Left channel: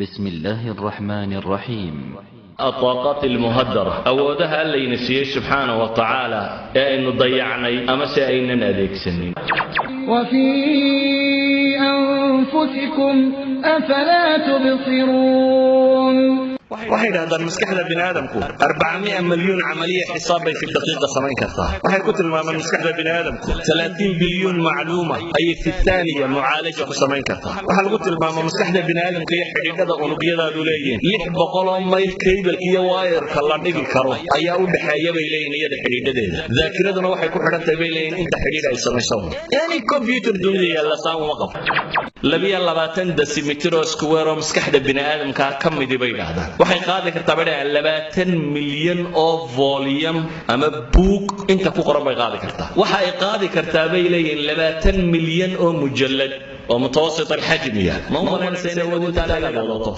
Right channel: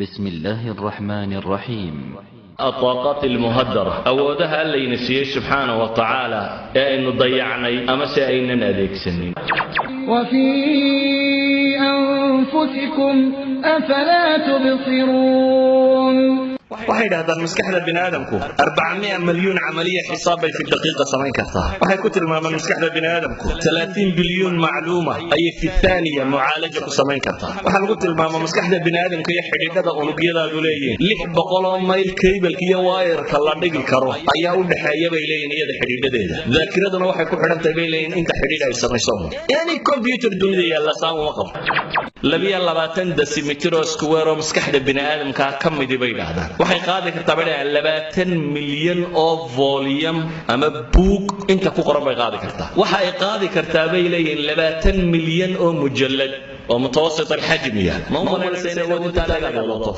بسم الله الرحمن الرحيم. الطاقات المهدرة أودها اللي نسيه سبحانه وتعالى إنه ضيعني أما سأين أديك سنين. وفي أنفسكم أفلا تبصرون. waxay dhahdaa maskaxda bini'aadamku 400 milyan عملية حساب في دقيقة صغيرة كثيرة. waxay ku tilmaamaan maskaxda bini'aadamku 30 مليون معلومة أي في الثانية معالجة صغيرة كثيرة. waxay ku tilmaamaan maskaxda bini'aadamku ee xidhiidhada unugyada leeyihiin 600 mayl cable iyo wire kala dhigi karo ayaa u dhaxeeya bay leeyihiin iyada xidhiidhadeeda. ذاكرتنا waxay ku xiran tahay leeyihiin inta xidhiidh ay samayso. yani computer dunia la saamo 22 decimeter square oo maskaxda bini'aadamka ka mid bay yiraahdaan waxay qaadi kartaa bada 20 milyan oo volume ama book inta ku qoran bay qaadi kartaa waxa ay qaadi kartaa bay leeyihiin 20 milyan oo mujallad oo mutawasit alxajmiya ma umalayna inay wadinta laga wadato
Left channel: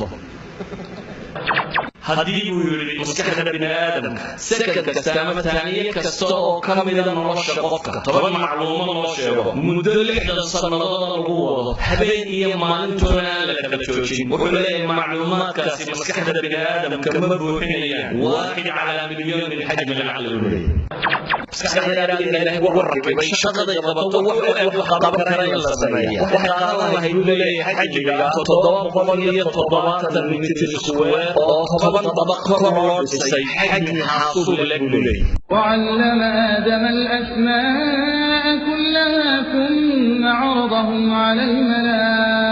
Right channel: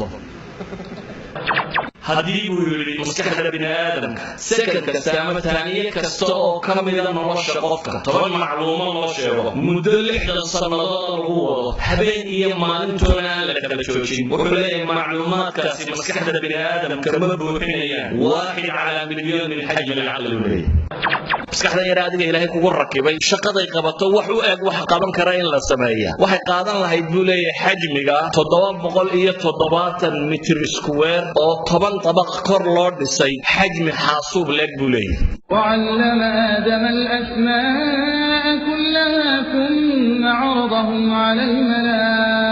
haddii buu yiri maskaxda bini'aadamka sakal kasta ama taaniye kasta oo ka mid ah nolosha qofka toban macluumaad loo sheego muddo 60 sanadood lagu wado habeen iyo maalintoona aan la kala joojin wuxuu leeyahay macluumaadkaasi maskaxda bini'aadamka ma buuxinayaan 1 على مليون من حجم العقل الولي maskaxda yaraadiga ilaahay kugu rakibay shaqaday qabato wax u eeg wax qaban kara in la sameeyo waxay qaadan lahayd buu leeyahay xajmiga 770 mitir square oo toban طبق كور لورد سي حجم حاسوب لك بوليه وعلم آدم الأسماء كلها ثم عرضهم على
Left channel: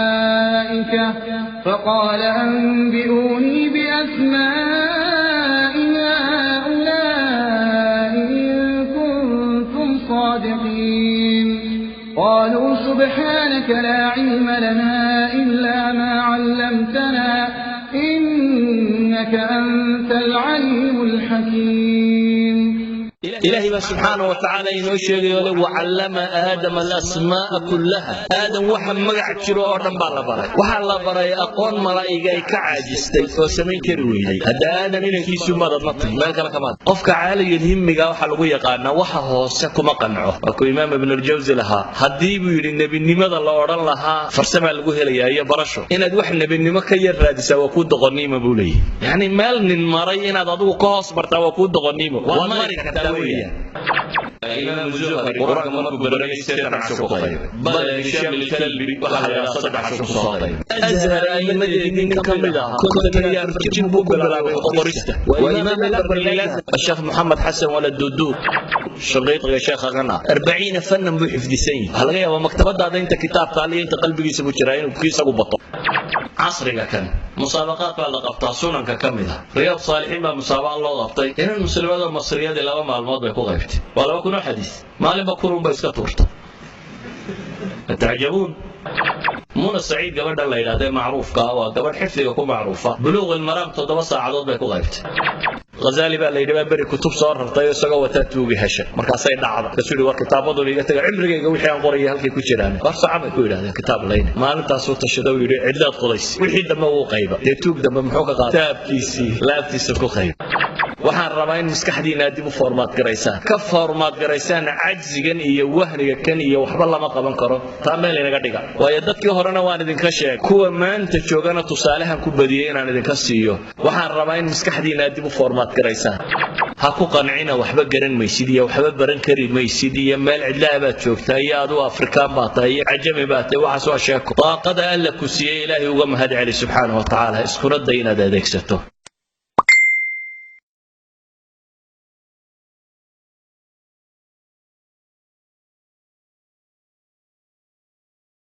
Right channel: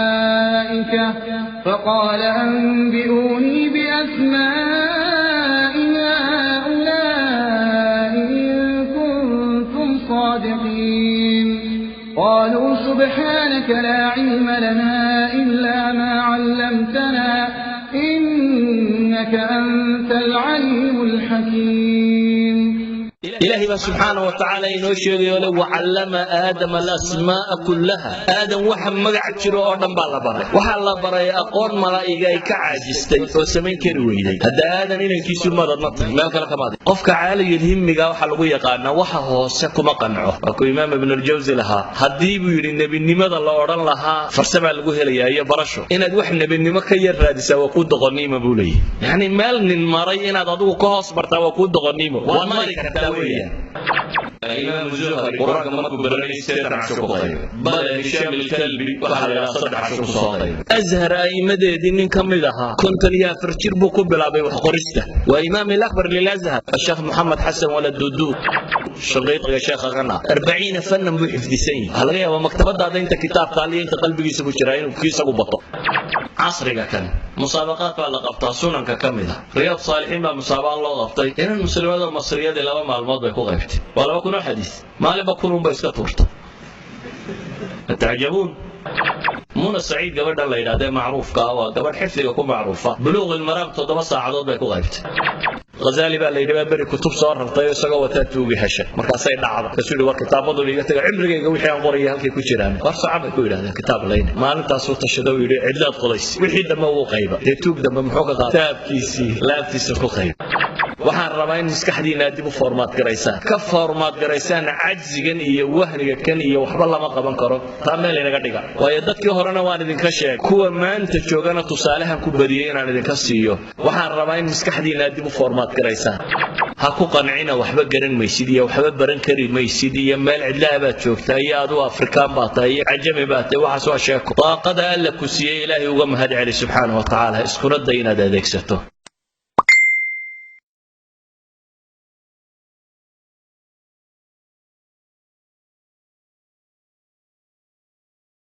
الملائكة فقال أنبئوني بأسماء هؤلاء إن كنتم صادقين قالوا سبحانك لا علم لنا إلا ما علمتنا إنك أنت العليم الحكيم. إلهي سبحانه وتعالى ينشر وعلم آدم الأسماء كلها آدم وحل ملعب شروعا باربا وحل أبرأي أقول ملائكة كعجستي فسمي كروي هذا آدم في سبارة مطلع ما قال كمان أفك عالي الهم قال حلوية قالنا وحه سكما قنعه أكو إمام ابن الجوزي لها هديبو يري النبي لماذا الله ورن لها فرسمع الوهلية هي برشة إلا دوح النبي لما كان يرادس وكود غنيمة بولي يعني مال للمرأي إن ضدو قاص برتا وكود غنيمة والمالك الإمام الزهري قرآن مركو برني السيطر عشوكو غير بل هشام الكلبي وحال إلى صدق عشوكو صغير أزهر أي مدى دينين كمدها كنت ليا فرشير مقبلة وحقرشته وإمام الأكبر للأزهر الشيخ محمد حسن ولد دودو شريط يا شيخ غنى 40 فن محدثين هل هي مكتبة أنت كتاب ثاني أنت قلبي يسوي شرايين وكيسة وبطل عصري كان مسابقات بقى قبطها سنن ككمدها رياض صالحين بقى مسابقة الله غبطي إن المسلمات المصرية دي لما معلومات بيكون غيبتي ولا بكون حديث ما لم بكونوا بيسكتورت تعجبون منى السعيد قبل الله يلاده معروف كاوا قبل حفظه يكون معروفه بلوغ المرام 7 ساعات بيكون غيبتي غزالي بقى اللي بقى كتب صار طيب سقوا وتدو بهشه markaasay dhacdo rasuul waa kitaabada leeyahay cimrigeega wixii qoriyo halkii ku jiraan war saacad ku yiraahdo kitaab leeyahay maalintaas uu tashado yiri cidlaad qulays wixii dama uu qayba deetug dama muxuu qadaa taabkiisi laabtiisa ku qayb waxaan rabaa in maskaxdiina dib u formaat gareysaan ka formaat gareysaan cajsigan iyo wahriga kaliya waxba lama qaban karo taana laga dhiga way dadkii horena waan idinka sheegay kuwa maanta joogana tusaalaha ku badiyay inaan idinka siiyo waxaan rabaa in maskaxdiina dib u formaat ha ku qancina waxba garan weysidiya waxba baran kari weysidiya meel cidlaha joogtaa iyo adoo afrikaan baatay cajabi baatay waxa soo sheeko taaqada alla ku siiyay ilaahay uga mahad cali subhanahu wa ta'ala isku radayna adeegsato